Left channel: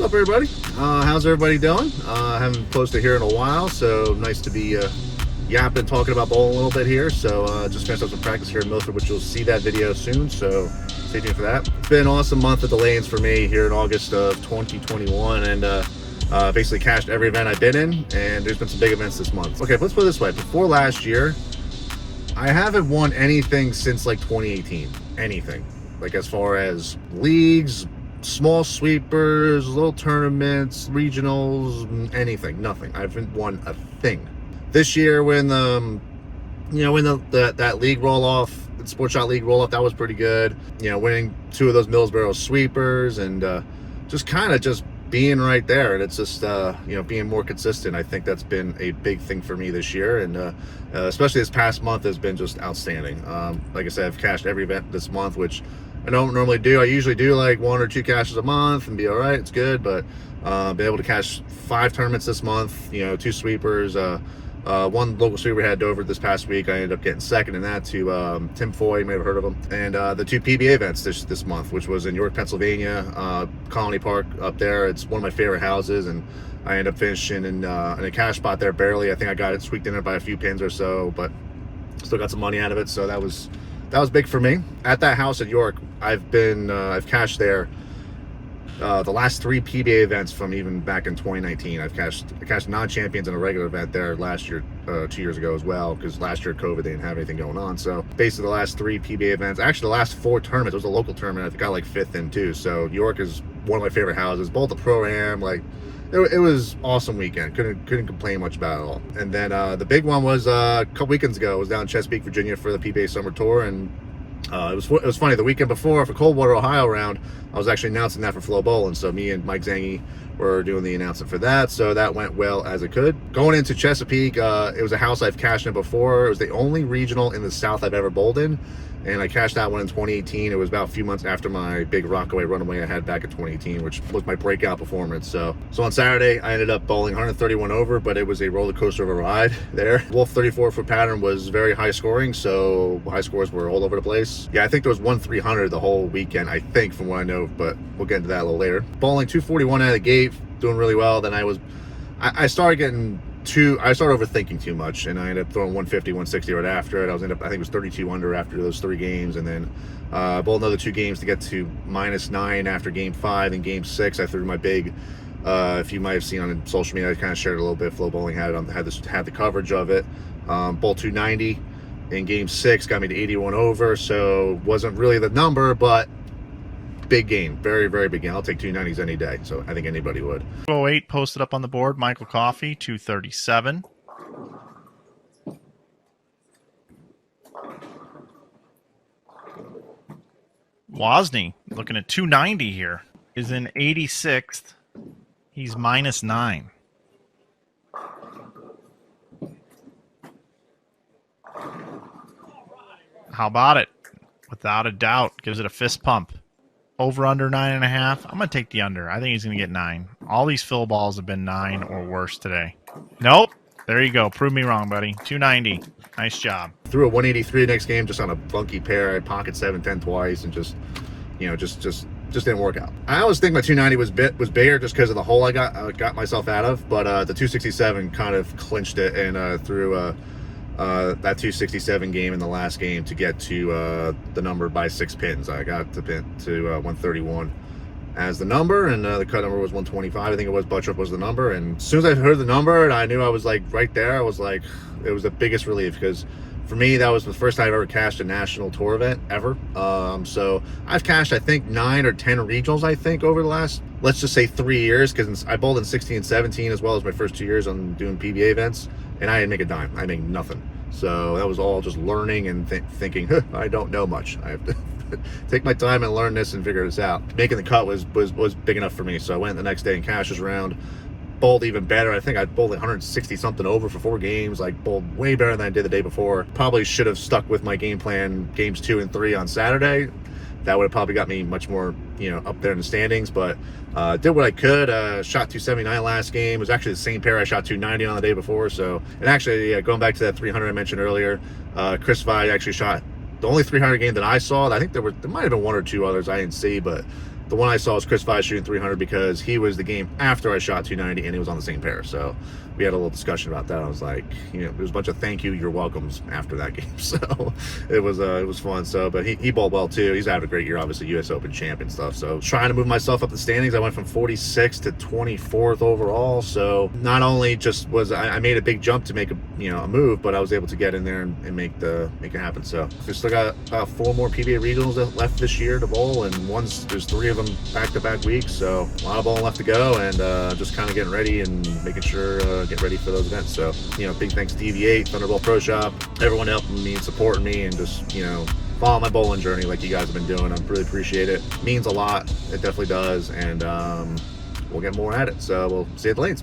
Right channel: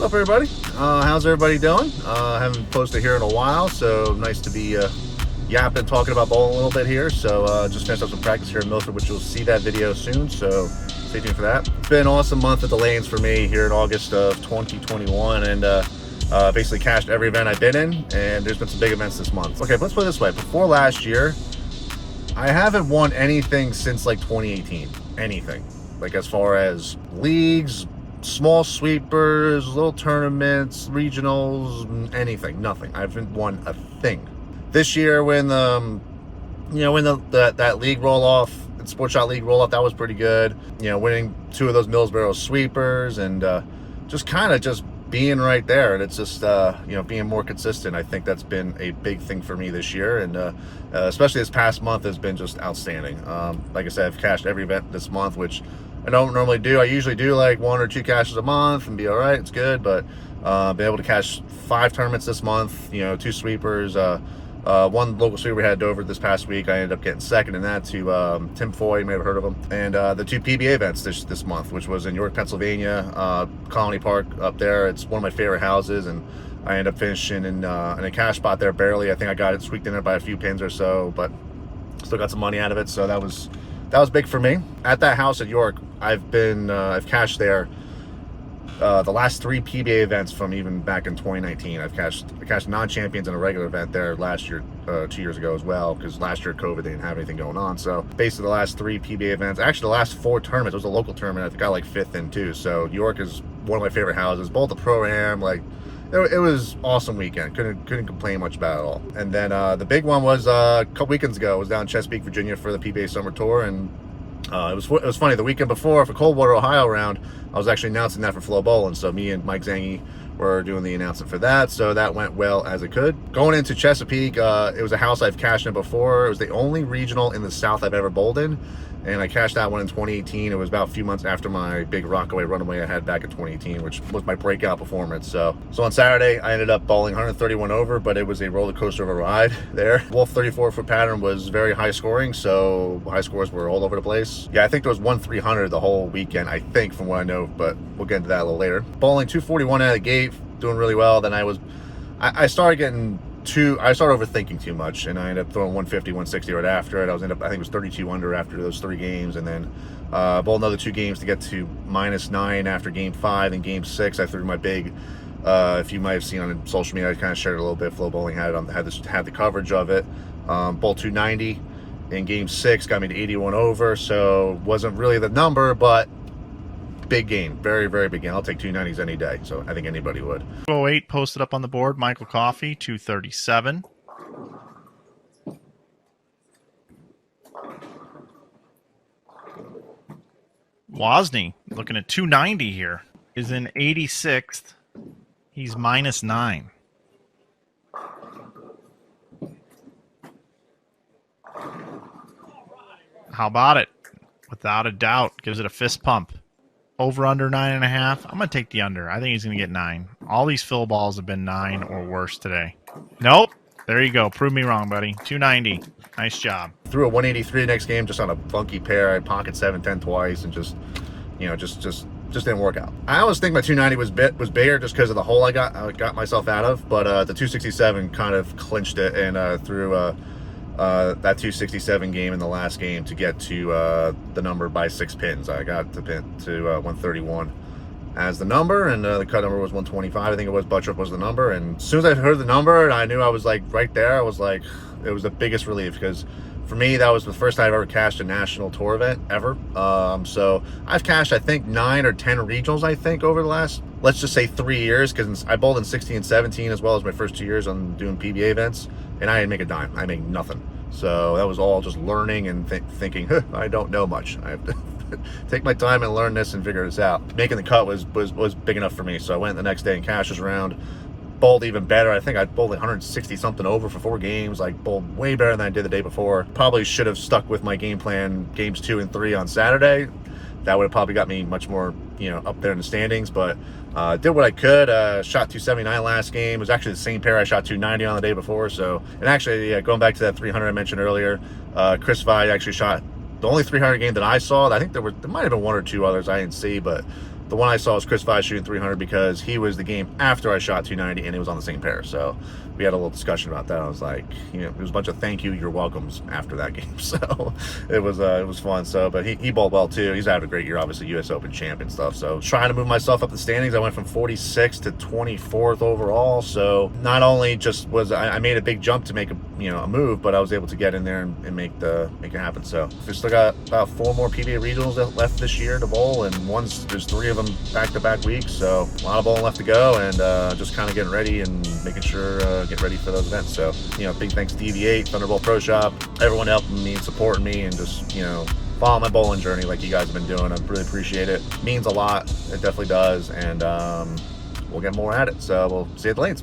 What's up, everybody? How's everybody doing? Haven't posted here in a while, so nice to be yapping, talking about bowling a little bit here. So just finished up some practice here in Milford, which you'll see that video soon, so stay tuned for that. It's been an awesome month at the lanes for me here in August of 2021, and basically cashed every event I've been in, and there's been some big events this month. Okay, let's put it this way. Before last year, I haven't won anything since like 2018. Anything. Like as far as leagues, small sweepers, little tournaments, regionals, anything, nothing. I haven't won a thing. This year, when that league roll off, the Sport Shot League roll off, that was pretty good. You know, winning 2 of those Millsboro sweepers and just kind of just being right there, and it's just being more consistent. I think that's been a big thing for me this year, and especially this past month has been just outstanding. Like I said, I've cashed every event this month, which I don't normally do. I usually do like 1 or 2 cashes a month and be all right. It's good, but been able to cash 5 tournaments this month. 2 sweepers. One local sweeper we had over this past week. I ended up getting second in that to Tim Foy. You may have heard of him. And the 2 PBA events this month, which was in York, Pennsylvania, Colony Park up there. It's one of my favorite houses, and I ended up finishing in a cash spot there barely. I think I got it squeaked in it by a few pins or so, but still got some money out of it. So that was big for me. At that house at York, I've cashed there the last 3 PBA events from even back in 2019. I cashed non-champions in a regular event there last year, 2 years ago as well, because last year COVID, they didn't have anything going on. So basically the last 3 PBA events, actually the last 4 tournaments, it was a local tournament. I got like 5th in too. So York is one of my favorite houses, both the pro-am, like it was awesome weekend. Couldn't complain much about it at all. And then the big one was a couple weekends ago. I was down in Chesapeake, Virginia for the PBA Summer Tour, and it was funny. The weekend before, for Coldwater, Ohio round, I was actually announcing that for Flow Bowling. So me and Mike Zangi were doing the announcement for that. So that went well as it could. Going into Chesapeake, it was a house I've cashed in before. It was the only regional in the South I've ever bowled in. And I cashed that one in 2018. It was about a few months after my big Rockaway runaway I had back in 2018, which was my breakout performance. So on Saturday, I ended up bowling 131 over, but it was a roller coaster of a ride there. Wolf 34-foot pattern was very high scoring, so high scores were all over the place. Yeah, I think there was 1-300 the whole weekend, I think, from what I know, but we'll get into that a little later. Bowling 241 out of the gate, doing really well. Then I started overthinking too much, and I ended up throwing 150, 160 right after it. I think it was 32 under after those 3 games, and then bowled another 2 games to get to -9 after game 5. And game 6, I threw my big, if you might have seen on social media, I kind of shared it a little bit. Flow Bowling had the coverage of it. Bowled 290 in game 6, got me to 81 over, so wasn't really the number, but big game, very, very big game. I'll take 290s any day, so I think anybody would. 208 posted up on the board. Michael Coffey, 237. Wozni looking at 290 here. Is in 86th. He's -9. How about it? Without a doubt, gives it a fist pump. Over under 9.5. I'm gonna take the under. I think he's gonna get 9. All these fill balls have been 9 or worse today. Nope. There you go. Prove me wrong, buddy. 290. Nice job. Threw a 183 next game just on a funky pair. I pocket 7-10 twice, and just didn't work out. I always think my 290 was bigger just because of the hole I got myself out of, but the 267 kind of clinched it, and threw that 267 game in the last game to get to the number by 6 pins. I got the pin to 131 as the number, and the cut number was 125. I think it was. Butchup was the number, and as soon as I heard the number and I knew I was like right there, I was like, it was the biggest relief, because for me that was the first time I've ever cashed a national tour event ever. So I've cashed, I think, 9 or 10 regionals, I think, over the last, let's just say, 3 years, because I bowled in 16 and 17 as well as my first 2 years on doing PBA events, and I didn't make a dime. I made nothing. So that was all just learning and thinking, I don't know much. I have to take my time and learn this and figure this out. Making the cut was big enough for me. So I went the next day and cashed this round. Bowled even better. I think I bowled 160 something over for 4 games. Like, bowled way better than I did the day before. Probably should have stuck with my game plan, games 2 and 3 on Saturday. That would have probably got me much more, up there in the standings. But did what I could. Shot 279 last game. It was actually the same pair I shot 290 on the day before. So, and actually, going back to that 300 I mentioned earlier, Chris Vi actually shot the only 300 game that I saw. I think there might have been 1 or 2 others I didn't see, but The one I saw was Chris Five shooting 300 because he was the game after I shot 290 and it was on the same pair. So we had a little discussion about that. I was like, you know, there was a bunch of thank you, you're welcomes after that game. So it was fun. So, but he bowled well too. He's having a great year, obviously US Open champ and stuff. So trying to move myself up the standings. I went from 46th to 24th overall. So not only just was I made a big jump to make a move, but I was able to get in there and make it happen. So we still got 4 more PBA regionals left this year to bowl, and there's 3 of them back-to-back weeks. So a lot of bowling left to go, and just kind of getting ready and making sure get ready for those events. So big thanks to DV8, Thunderbolt Pro Shop, everyone helping me, supporting me, and just follow my bowling journey like you guys have been doing. I really appreciate it. It means a lot. It definitely does, and we'll get more at it. So we'll see you at the lanes.